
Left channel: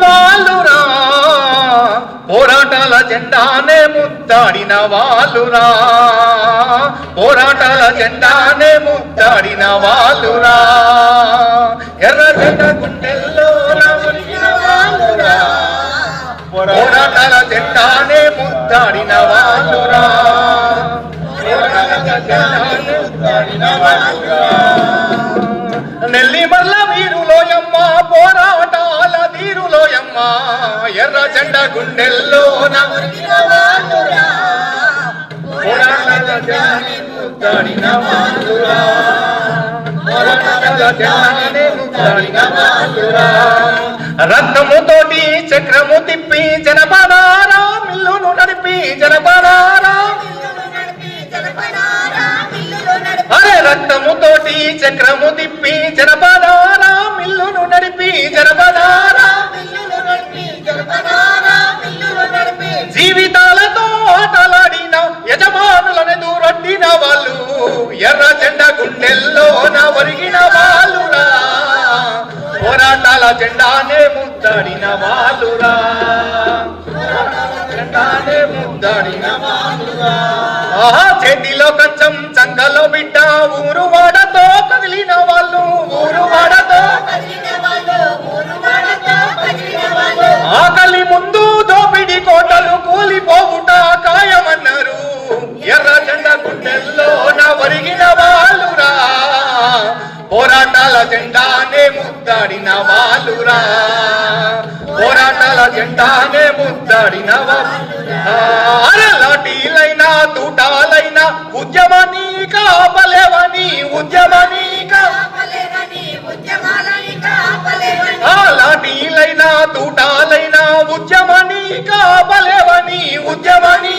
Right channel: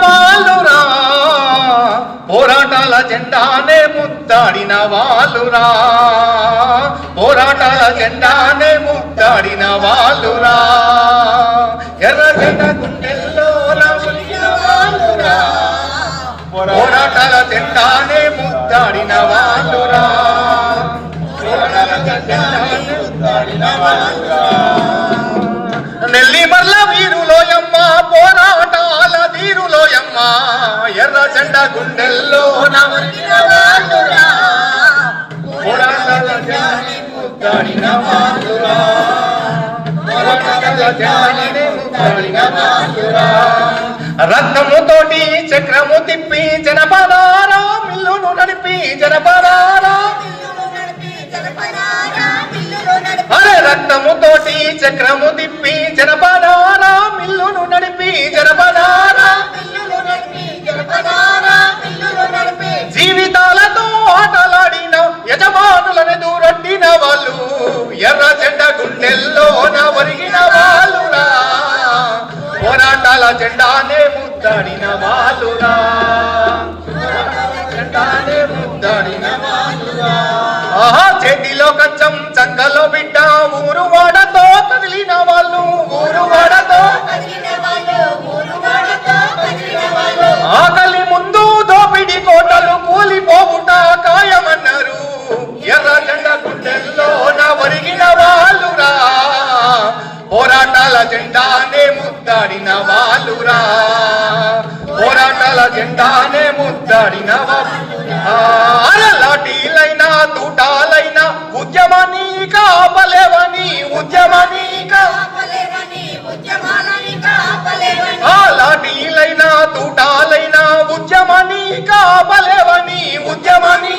వాలురా పోరాటాల జెండానే ముద్దాడిన వాలురా పోరాటాల జెండానే ముద్దాడిన వాలురా ఎర్రజెండ గుండెల్లో నవలిన వాలురా పోరాటాల జెండానే ముద్దాడిన వాలురా పోరాటాల జెండానే ముద్దాడిన వాలురా నెల్లి మర్ల వీరులోయమ్మ పోరాటాల వీరులోయమ్మ ఎర్ర జెండ గుండెల్లో నవలిన వాలురా పోరాటాల జెండానే ముద్దాడిన వాలురా పోరాటాల జెండానే ముద్దాడిన వాలురా రత్నముతోటి చక్రము తిప్పి జనపడారా మిల్లును నడిపి జనపడారా అరే రక్తముతోటి చక్రము తిప్పి జనపడారా మిల్లును నడిపి జనపడారా జీవితాలతో ఆటలాడిన యజమానులను దూరొట్టిన వాళ్ళు ఎర్ర జెండ గుండెల్లోన ఒరిగిన వాళ్ళురా పోరాటాల జెండానే ముద్దాడిన వాళ్ళురా జెండానే ముద్దాడిన వాళ్ళురా ఆహా చేతిలో కచ్చం చంగలో బిడ్డ ఊరు వాడతో కదిలిన వాళ్ళు ఊరు వాడతో ఆకలి ముందు దోపిడి కోటలు కూలిపోవుట ఖాయమన్నారు ఎర్ర జెండ గుండెల్లోన ఒరిగిన వాళ్ళురా పోరాటాల జెండానే ముద్దాడిన వాళ్ళురా పోరాటాల జెండానే ముద్దాడిన లాఠీలైనా తూటాలైనా ఉద్యమాన్ని కాపలేవని ఉద్యమాన్ని లాఠీలైనా తూటాలైనా ఉద్యమాన్ని కాపలేవని ఉద్యమాన్ని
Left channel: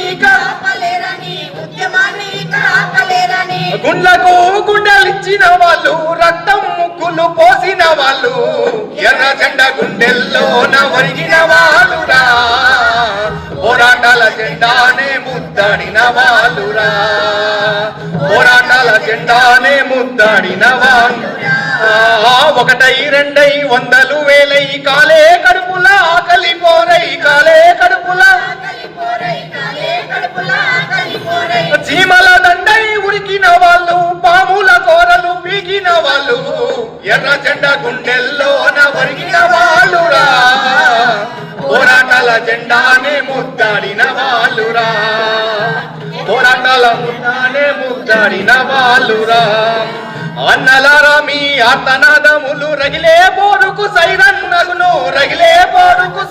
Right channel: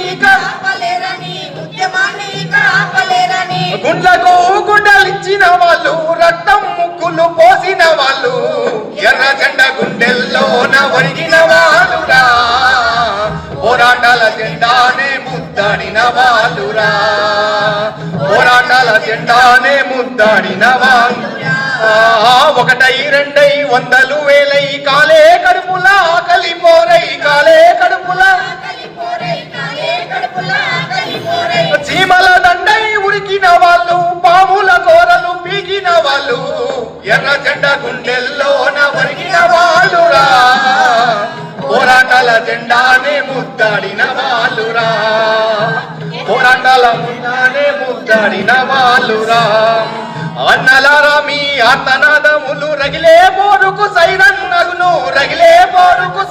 గుండ్లకు గుండెలిచ్చిన వాళ్ళు రక్తం ముక్కులు పోసిన వాళ్ళు ఎర్ర జెండ గుండెల్లోన ఒరిగిన వాళ్ళురా పోరాటాల జెండానే ముద్దాడిన వాళ్ళురా పోరాటాల జెండానే ముద్దాడిన వాళ్ళురా ఒకటై రెండై వందలు వేలై కాలే కడుపులా కలిపోరై కాలే కడుపులా చీమల దండై ఉరికిన వాళ్ళు పాముల కోరలు పీకిన వాళ్ళు ఎర్ర జెండ గుండెల్లోన ఒరిగిన వాళ్ళురా పోరాటాల జెండానే ముద్దాడిన వాళ్ళురా పోరాటాల జెండానే ముద్దాడిన వాళ్ళురా అన్నలారా మీ ఆర్తనాదములు రగిలే పోరుకు సైరన్నగును రగిలే పోరుకు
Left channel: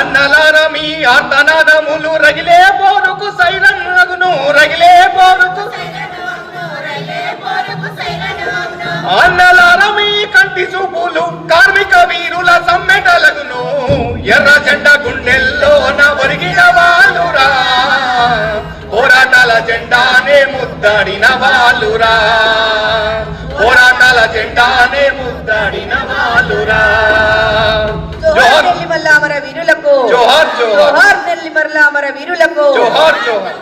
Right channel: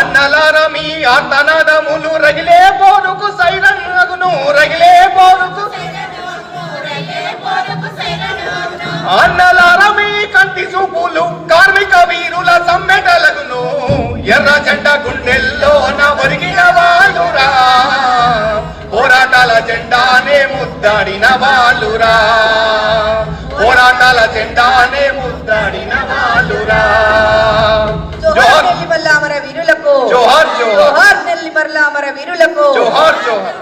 అన్నలారా మీ ఆర్తనాదములు రగిలే పోరుకు సైరన్నగును రగిలే పోరుకు అన్నలారా మీ కంటి చూపులు కార్మిక వీరుల సమ్మెటలగును ఎర్ర జెండ గుండెల్లోన ఒరిగిన వాళ్ళురా పోరాటాల జెండానే ముద్దాడిన వాళ్ళురా పోరాటాల జెండానే ముద్దాడిన వాళ్ళురా జోహార్ నెల్లిమల్ల అమర వీరులకు జోహార్ జోహార్ జోహార్ నెల్లిమల్ల అమర వీరులకు జోహార్ జోహార్